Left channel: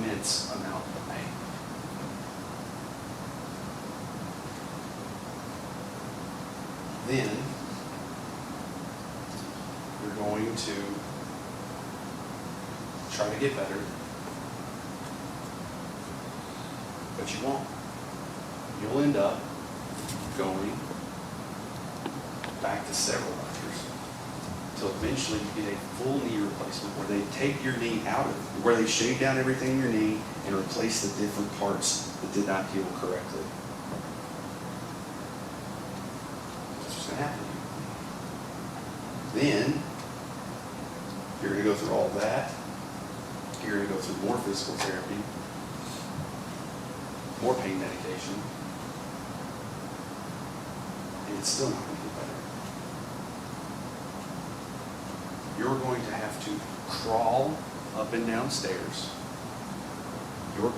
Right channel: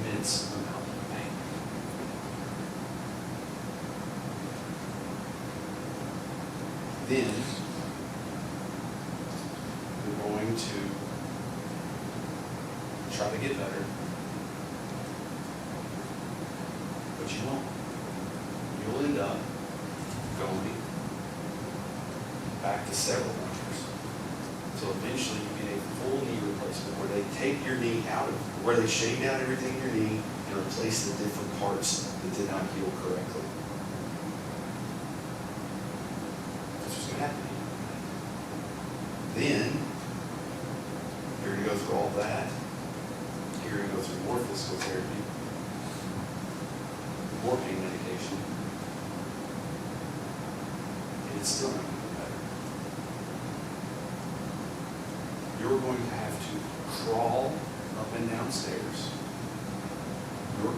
immense amount of pain. Then you're going to try to get better, but you won't. You'll end up going back to several doctors until eventually you get a full knee replacement where they take your knee out of, where they shave down everything in your knee and replace the different parts that did not heal correctly. That's what's going to happen to you. Then, you're going to go through all that. You're going to go through more physical therapy, more pain medication, and it's still not going to get better. You're going to have to crawl up and down stairs. You're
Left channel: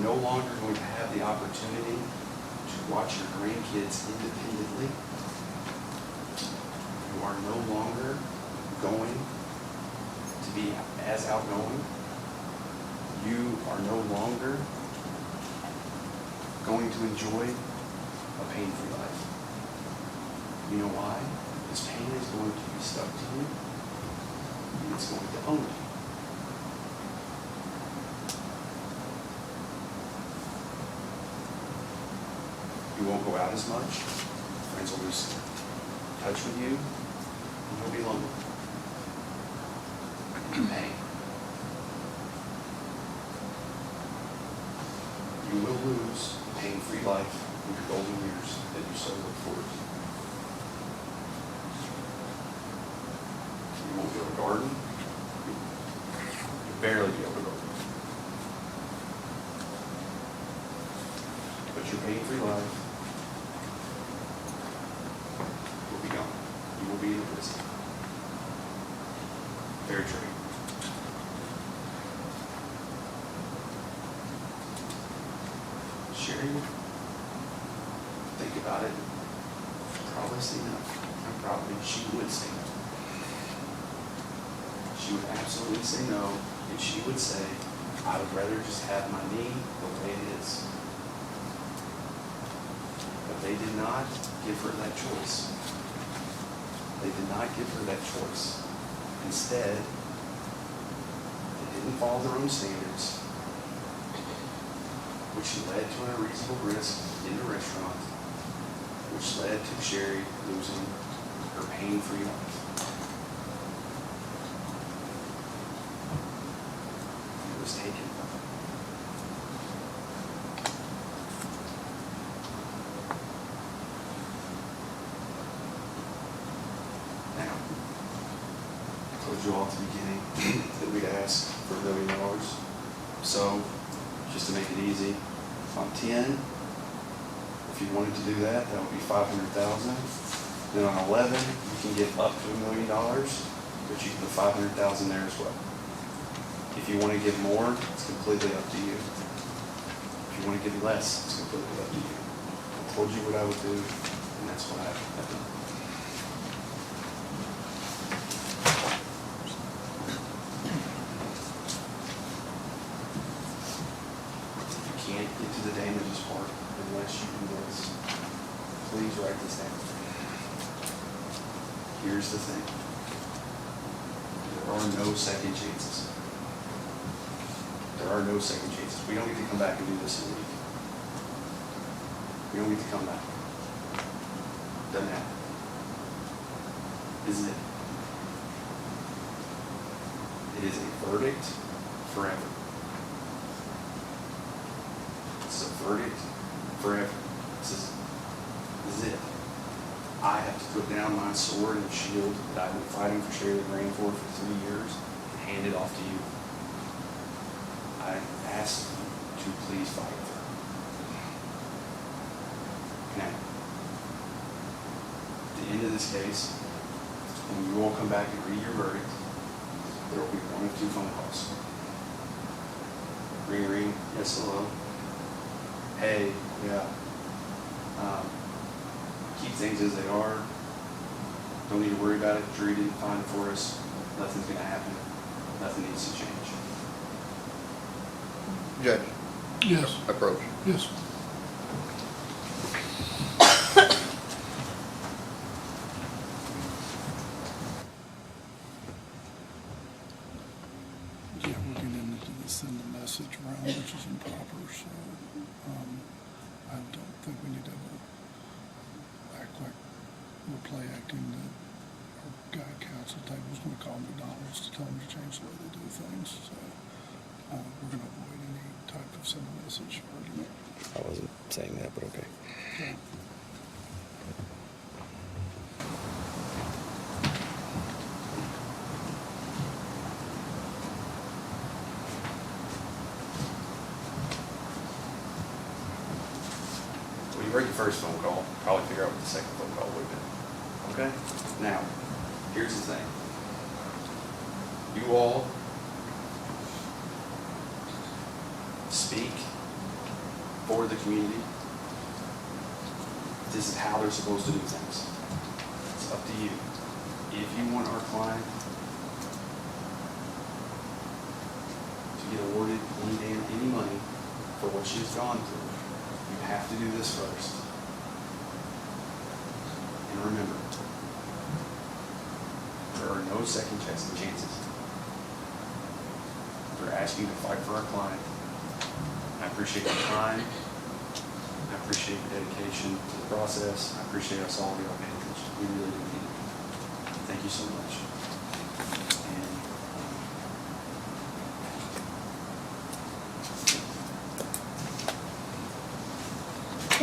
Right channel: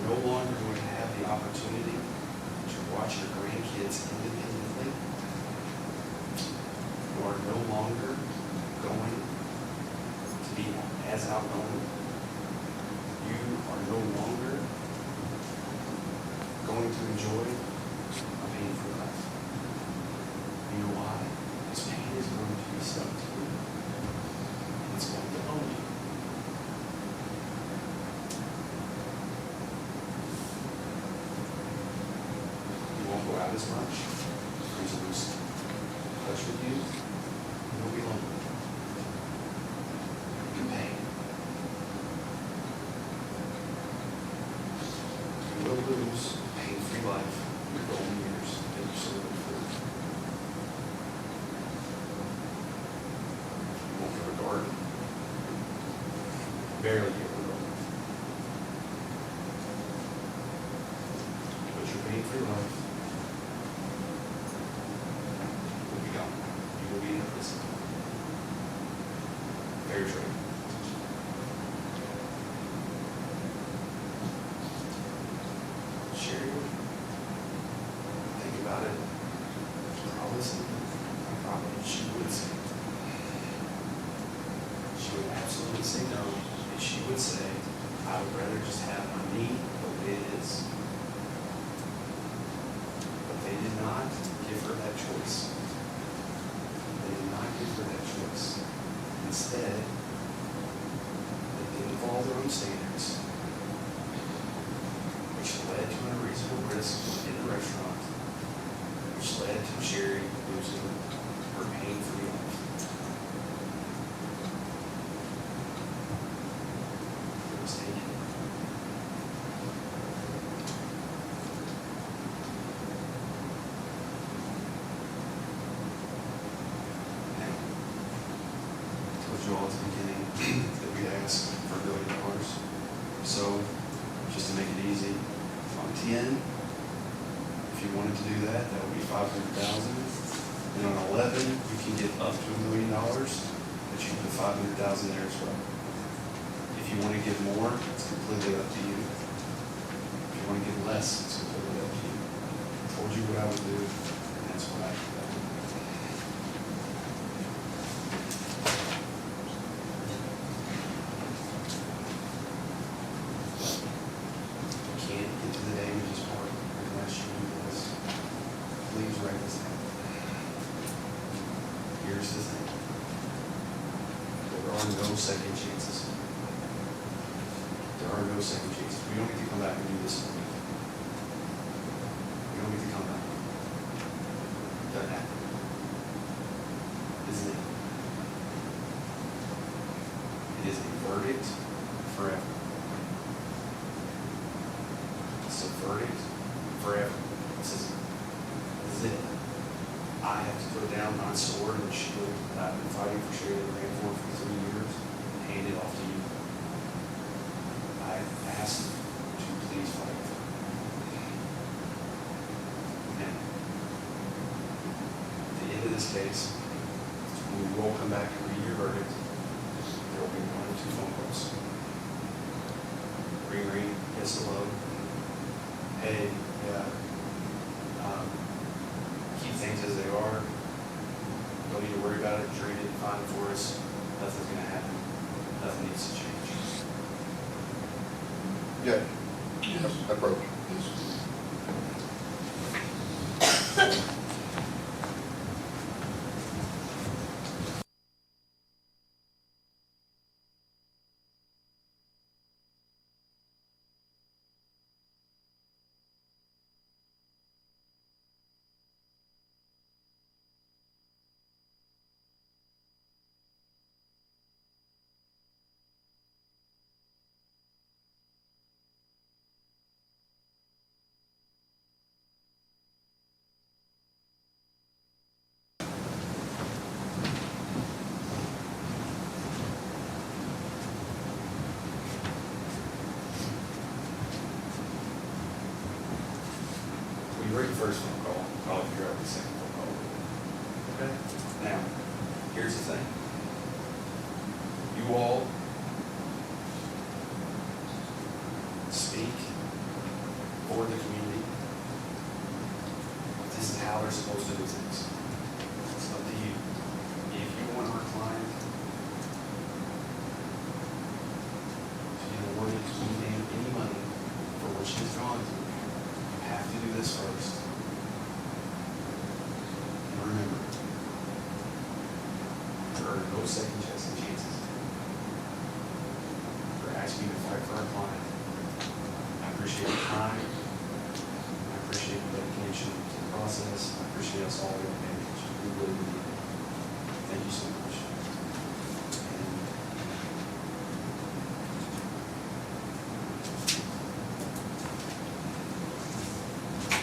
no longer going to have the opportunity to watch your grandkids independently. You are no longer going to be as outgoing. You are no longer going to enjoy a pain-free life. You know why? This pain is going to be stuck to you, and it's going to own you. You won't go out as much. Friends will lose touch with you, and you'll be lonely. Pain. You will lose a pain-free life in your golden years that you so look forward to. You won't be able to garden. Barely be able to garden. But your pain-free life will be gone. You will be in a prison. Very true. Sherry, think about it. Probably say no. She would say no. She would absolutely say no, and she would say, I would rather just have my knee the way it is. But they did not give her that choice. They did not give her that choice. Instead, they didn't follow their own standards, which led to an unreasonable risk in the restaurant, which led to Sherry losing her pain-free life. It was taken. Now, I told you all at the beginning that we'd ask for $1 billion. So, just to make it easy, on 10, if you wanted to do that, that would be $500,000. Then on 11, you can get up to $1 million, but you can put $500,000 there as well. If you want to give more, it's completely up to you. If you want to give less, it's completely up to you. I told you what I would do, and that's what happened. You can't get to the damages part unless you do this. Please write this down. Here's the thing. There are no second chances. There are no second chances. We don't get to come back and do this in a week. We don't get to come back. Doesn't happen. This is it. It is a verdict forever. It's a verdict forever. It says, this is it. I have to put down my sword and shield that I've been fighting for Sherry Legrand for 3 years and hand it off to you. I ask you to please fight for her. Now, at the end of this case, when we will come back and read your verdict, there will be 1 of 2 phone calls. Ring, ring, yes, hello. Hey, yeah. Keep things as they are. Don't need to worry about it. Jury didn't find it for us. Nothing's going to happen. Nothing needs to change. judge Yes, approach. yes. Yeah, we're getting into the send a message round, which is improper, so, I don't think we need to act like we're play acting that our guy at council table is gonna call McDonald's to tell them to change the way they do things, so, we're gonna avoid any type of send a message argument. I wasn't saying that, but okay. So, When you break the first phone call, probably figure out what the second phone call would have been. Okay? Now, here's the thing. You all speak for the community. This is how they're supposed to do things. It's up to you. If you want our client to get awarded any money for what she has gone through, you have to do this first. And remember, there are no second chances. We're asking you to fight for our client. I appreciate your time. I appreciate your dedication to the process. I appreciate us all being engaged. We really need it. Thank you so much. And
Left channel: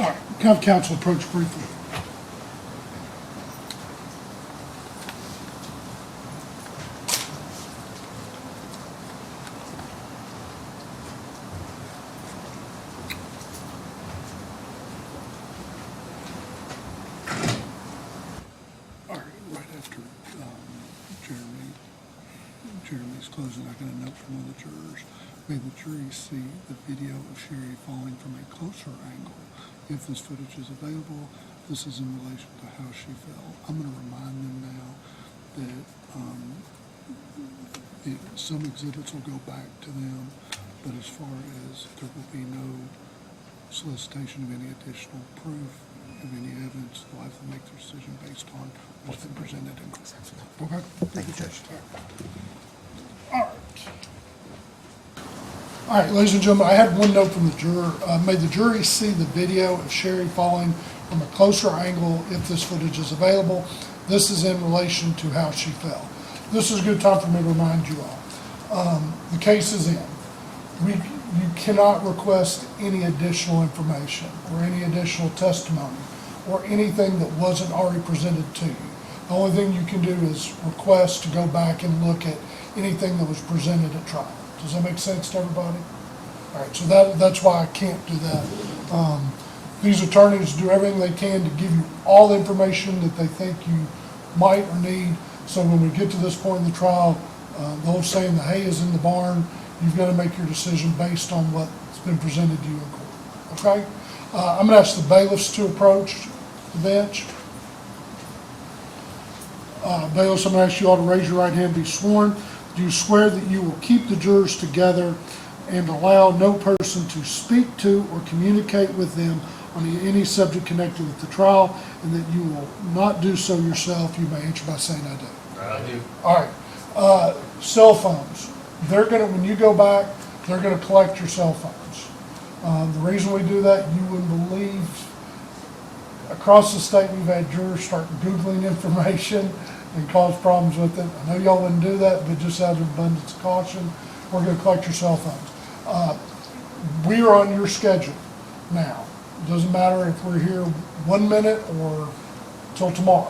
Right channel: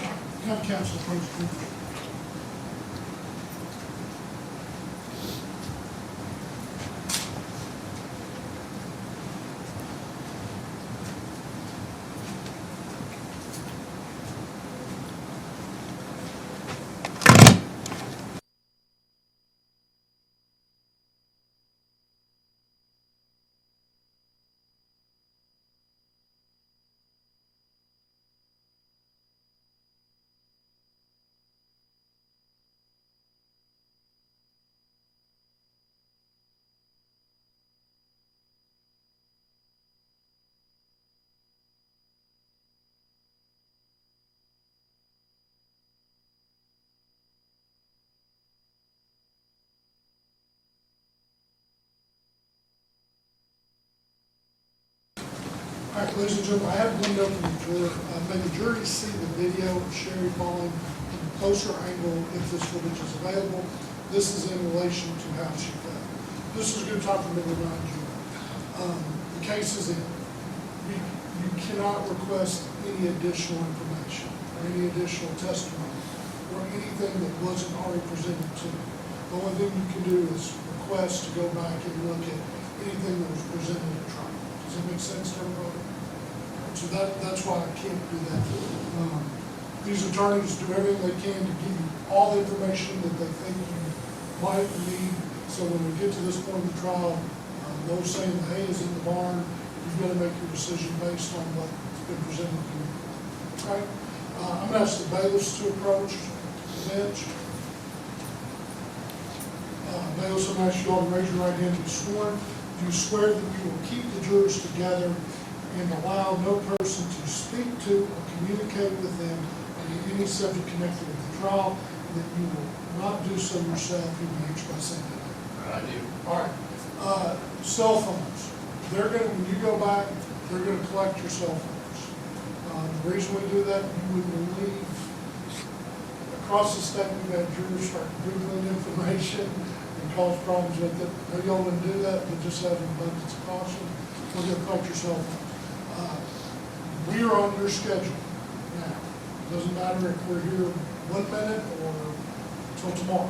all right, have council approach briefly. All right, right after Jeremy's closing, I got a note from one of the jurors. May the jury see the video of Sherry falling from a closer angle. If this footage is available, this is in relation to how she fell. I'm going to remind them now that some exhibits will go back to them, but as far as there will be no solicitation of any additional proof, of any evidence, they'll have to make their decision based on what's been presented in court. Okay? Thank you, Judge. All right. All right, ladies and gentlemen, I had one note from the juror. May the jury see the video of Sherry falling from a closer angle if this footage is available. This is in relation to how she fell. This is a good time for me to remind you all. The case is in. You cannot request any additional information or any additional testimony or anything that wasn't already presented to you. The only thing you can do is request to go back and look at anything that was presented at trial. Does that make sense to everybody? All right, so that's why I can't do that. These attorneys do everything they can to give you all the information that they think you might need. So when we get to this point in the trial, the old saying, the hay is in the barn, you've got to make your decision based on what's been presented to you in court. Okay? I'm going to ask the bailiffs to approach the bench. Bailiffs, I'm going to ask you all to raise your right hand and be sworn. Do you swear that you will keep the jurors together and allow no person to speak to or communicate with them on any subject connected with the trial, and that you will not do so yourself? You may answer by saying I do. I do. All right. Cell phones. They're going to, when you go back, they're going to collect your cell phones. The reason we do that, you wouldn't believe, across the state we've had jurors start Googling information and cause problems with it. I know y'all wouldn't do that, but just out of abundance of caution, we're going to collect your cell phones. We are on your schedule now. It doesn't matter if we're here 1 minute or till tomorrow.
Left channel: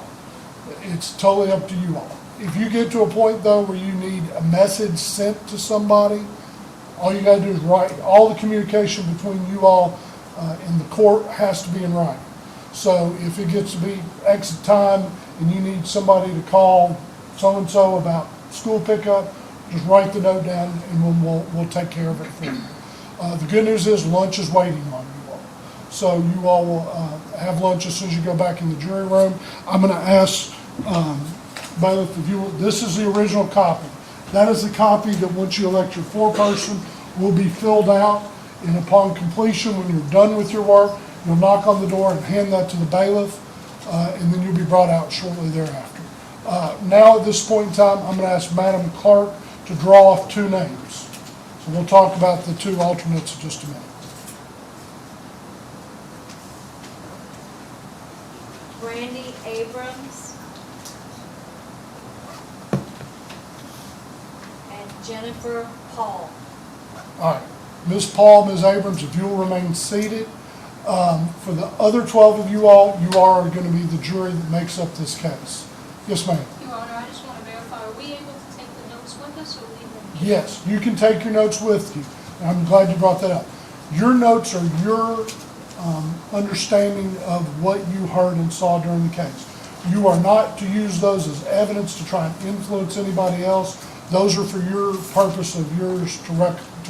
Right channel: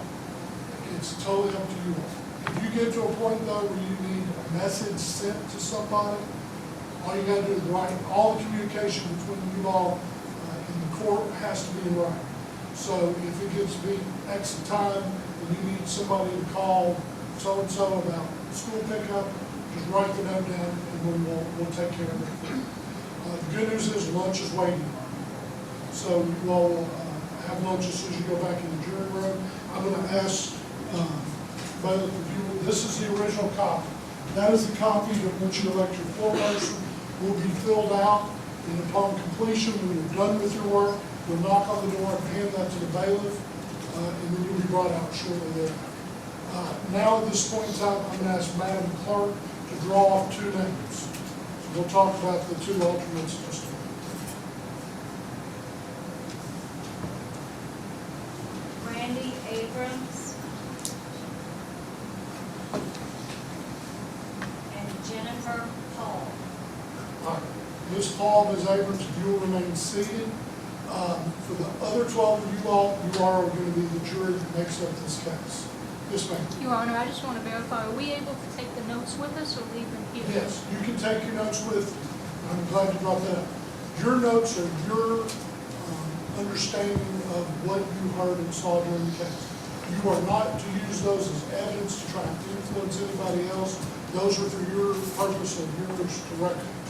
It's totally up to you all. If you get to a point though where you need a message sent to somebody, all you got to do is write. All the communication between you all in the court has to be in writing. So if it gets to be X time and you need somebody to call so-and-so about school pickup, just write the note down and we'll take care of it for you. The good news is lunch is waiting on you all. So you all will have lunch as soon as you go back in the jury room. I'm going to ask bailiff, if you will, this is the original copy. That is the copy that once you elect your foreperson will be filled out And upon completion, when you're done with your work, you'll knock on the door and hand that to the bailiff, and then you'll be brought out shortly thereafter. Now, at this point in time, I'm going to ask Madam Clerk to draw off 2 names. So we'll talk about the 2 alternates in just a minute. Brandy Abrams and Jennifer Paul. All right, Ms. Paul, Ms. Abrams, if you'll remain seated. For the other 12 of you all, you are going to be the jury that makes up this case. Yes, ma'am. Your Honor, I just want to verify, are we able to take the notes with us or leave them here? Yes, you can take your notes with you. I'm glad you brought that up. Your notes are your understanding of what you heard and saw during the case. You are not to use those as evidence to try and influence anybody else. Those are for your purpose of yours to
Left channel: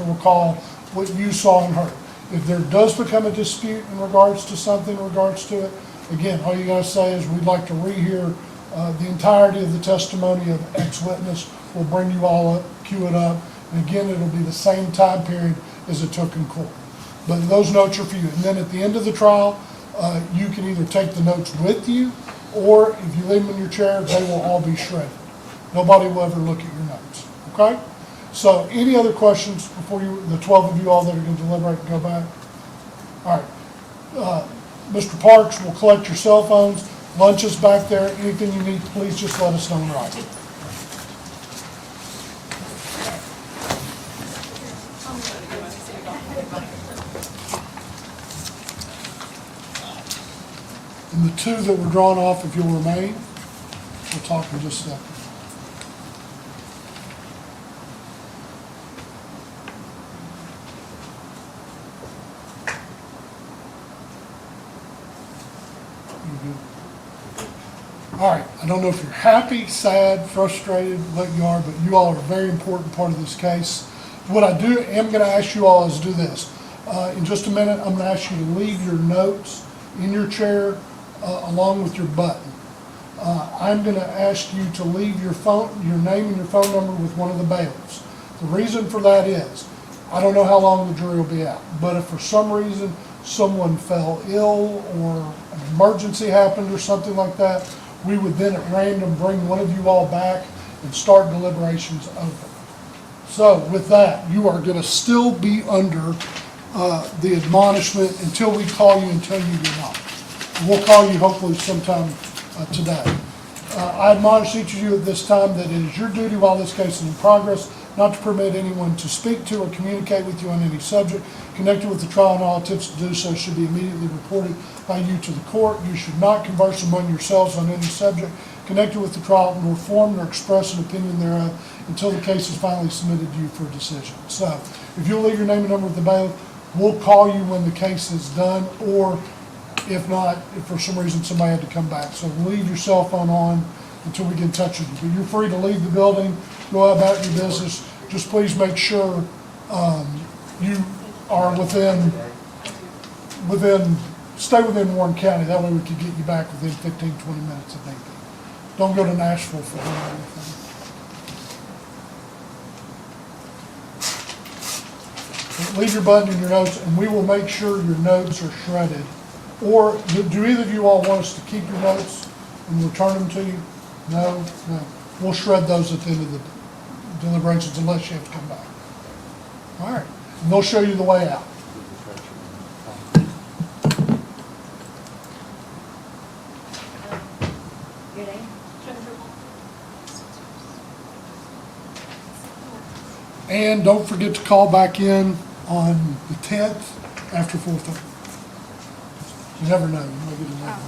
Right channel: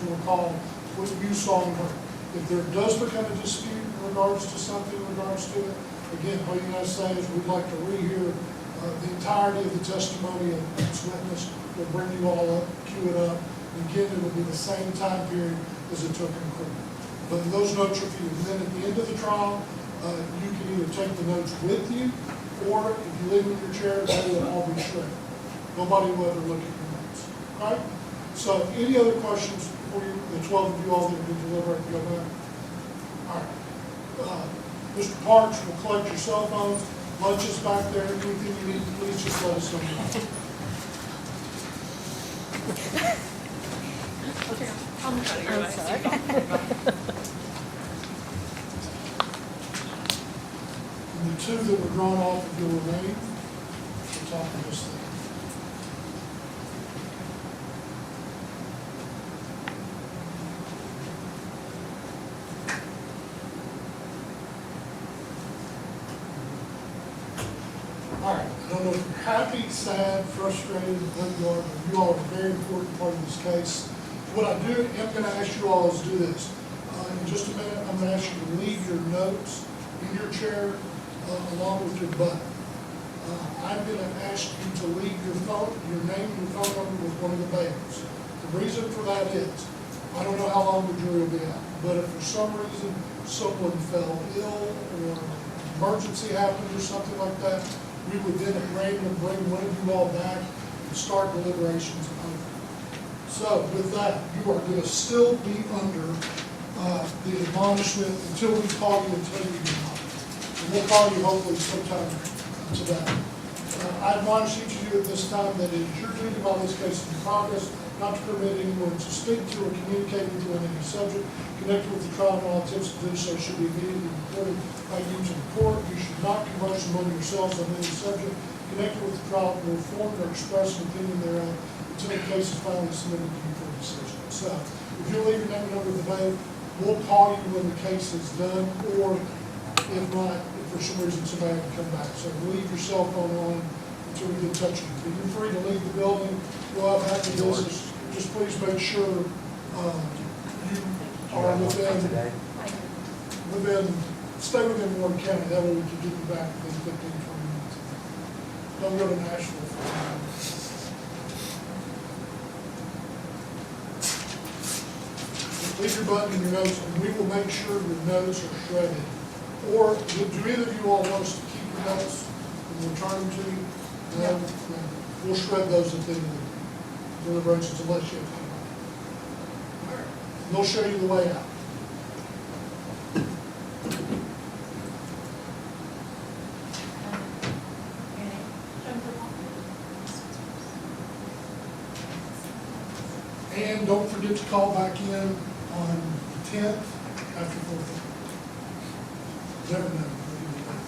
recall what you saw and heard. If there does become a dispute in regards to something, in regards to it, again, all you gotta say is, we'd like to rehear the entirety of the testimony of X witness. We'll bring you all up, cue it up, and again, it'll be the same time period as it took in court. But those notes are for you. And then at the end of the trial, you can either take the notes with you, or if you leave them in your chair, they will all be shredded. Nobody will ever look at your notes, okay? So any other questions before the 12 of you all that are going to deliberate and go back? All right. Mr. Parks will collect your cell phones. Lunch is back there. Anything you need, please just let us know in writing. And the 2 that were drawn off, if you'll remain, we'll talk in just a second. All right, I don't know if you're happy, sad, frustrated, what you are, but you all are a very important part of this case. What I am going to ask you all is do this. In just a minute, I'm going to ask you to leave your notes in your chair along with your button. I'm going to ask you to leave your name and your phone number with one of the bailiffs. The reason for that is, I don't know how long the jury will be out, but if for some reason someone fell ill or an emergency happened or something like that, we would then at random bring one of you all back and start deliberations over. So with that, you are going to still be under the admonishment until we call you and tell you you're not. We'll call you hopefully sometime today. I admonish each of you at this time that it is your duty while this case is in progress not to permit anyone to speak to or communicate with you on any subject connected with the trial, and all attempts to do so should be immediately reported by you to the court. You should not converse among yourselves on any subject connected with the trial, nor form nor express an opinion thereof until the case is finally submitted to you for a decision. So, if you'll leave your name and number with the bailiff, we'll call you when the case is done, or if not, if for some reason somebody had to come back. So leave your cell phone on until we get in touch with you. But you're free to leave the building, go about your business. Just please make sure you are stay within Warren County. That way we can get you back within 15, 20 minutes, I think. Don't go to Nashville for that. Leave your button in your notes, and we will make sure your notes are shredded. Or do either of you all want us to keep your notes and return them to you? No? No. We'll shred those at the end of the deliberations unless you have to come back. All right. And they'll show you the way out. Your name? And don't forget to call back in on the 10th after 4:30. You never know. You might get a late one.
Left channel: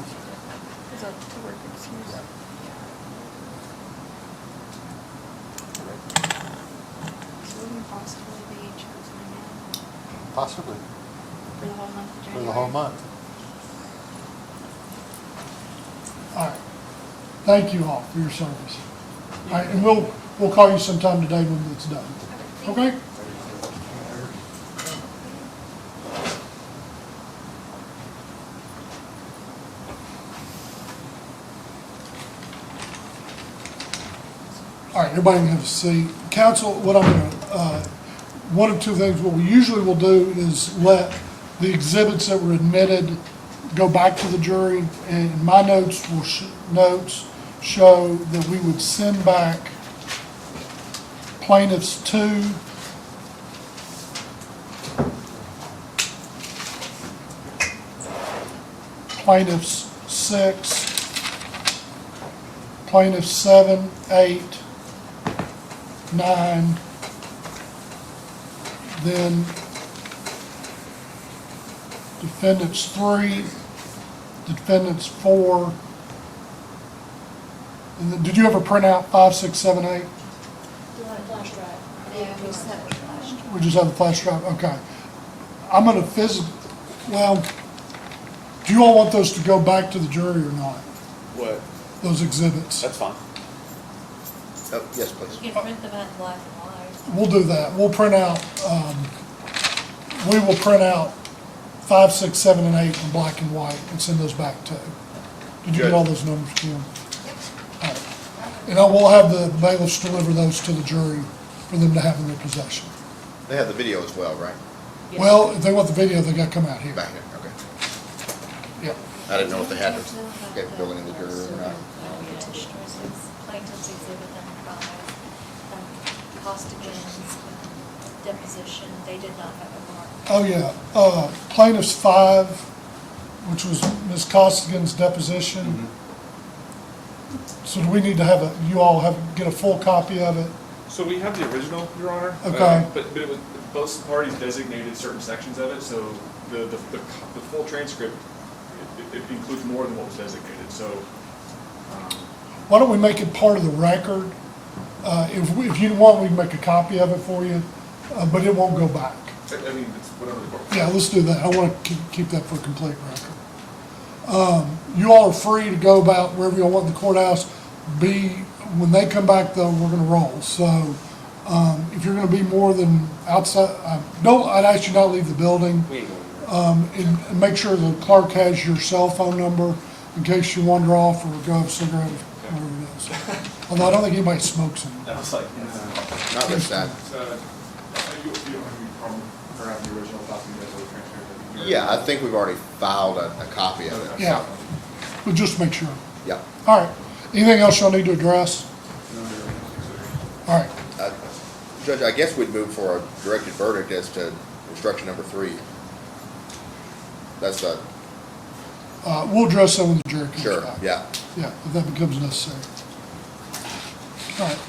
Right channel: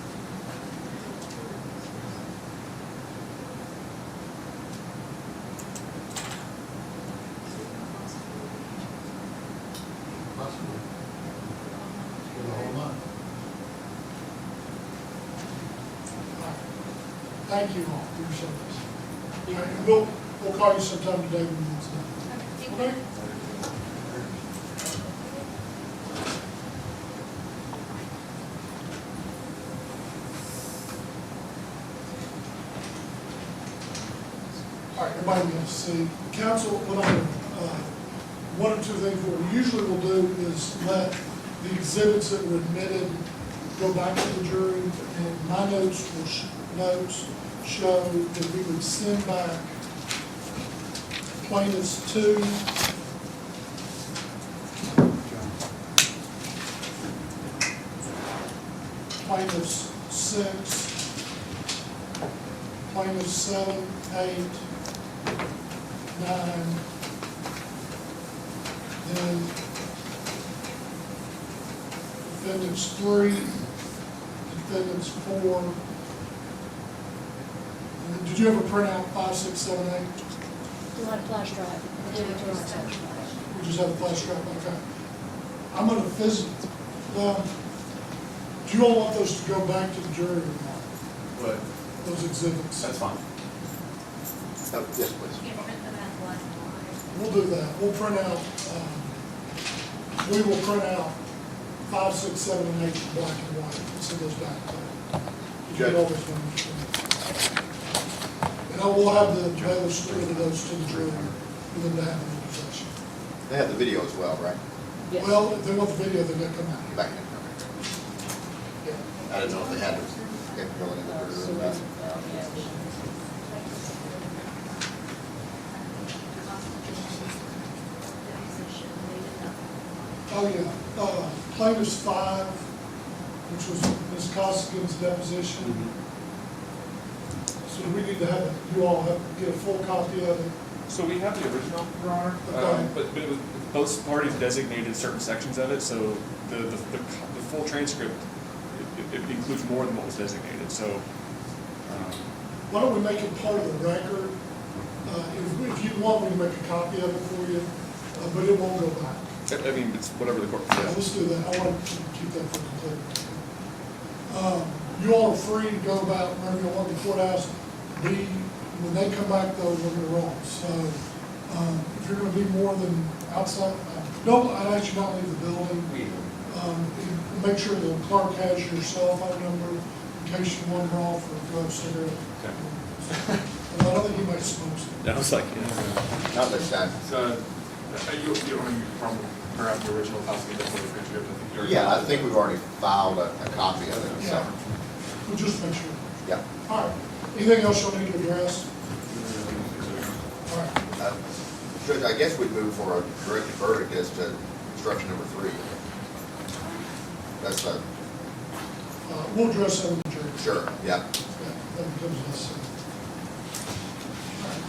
Possibly, for the whole month. All right. Thank you all for your service. All right, and we'll call you sometime today when it's done. Okay? All right, everybody can have a seat. Council, what I'm going to one of two things, what we usually will do is let the exhibits that were admitted go back to the jury, and my notes show that we would send back plaintiffs 2, plaintiffs 6, plaintiffs 7, 8, 9, then defendants 3, defendants 4, and then, did you ever print out 5, 6, 7, 8? Do you want a flash drive? Yeah, we just have a flash. We just have a flash drive, okay. I'm gonna well, do you all want those to go back to the jury or not, What? those exhibits? That's fine. Oh, yes, please. You can print them out black and white. We'll do that. We'll print out, we will print out 5, 6, 7, and 8 in black and white and send those back to you. Did you get all those numbers, Jim? All right. And I will have the bailiffs deliver those to the jury for them to have in their possession. They have the video as well, right? Well, if they want the video, they gotta come out here. Back in, okay. Yep. I didn't know if they had the capability in the jury room or not. Plaintiff's exhibit number 5, Costigan's deposition, they did not have a copy. Oh, yeah. Plaintiff's 5, which was Ms. Costigan's deposition. So do we need to have you all get a full copy of it? So we have the original, Your Honor. Okay. But it was, both parties designated certain sections of it, so the full transcript, it includes more than what was designated, so. Why don't we make it part of the record? If you want, we can make a copy of it for you, but it won't go back. I mean, it's whatever the court. Yeah, let's do that. I want to keep that for a complete record. You all are free to go about wherever you want in the courthouse. When they come back though, we're gonna roll. So, if you're gonna be more than outside, I'd ask you not leave the building. And make sure the clerk has your cell phone number in case you wander off or go have a cigarette. Although I don't think anybody smokes it. That was like, yeah. Not this time. So, you don't have any problem for having the original copy of the transcript? Yeah, I think we've already filed a copy of it. Yeah, but just make sure. Yeah. All right. Anything else y'all need to address? All right. Judge, I guess we'd move for a directed verdict as to instruction number 3. That's We'll address that when the jury comes sure, out. yeah. Yeah, if that becomes necessary. All right.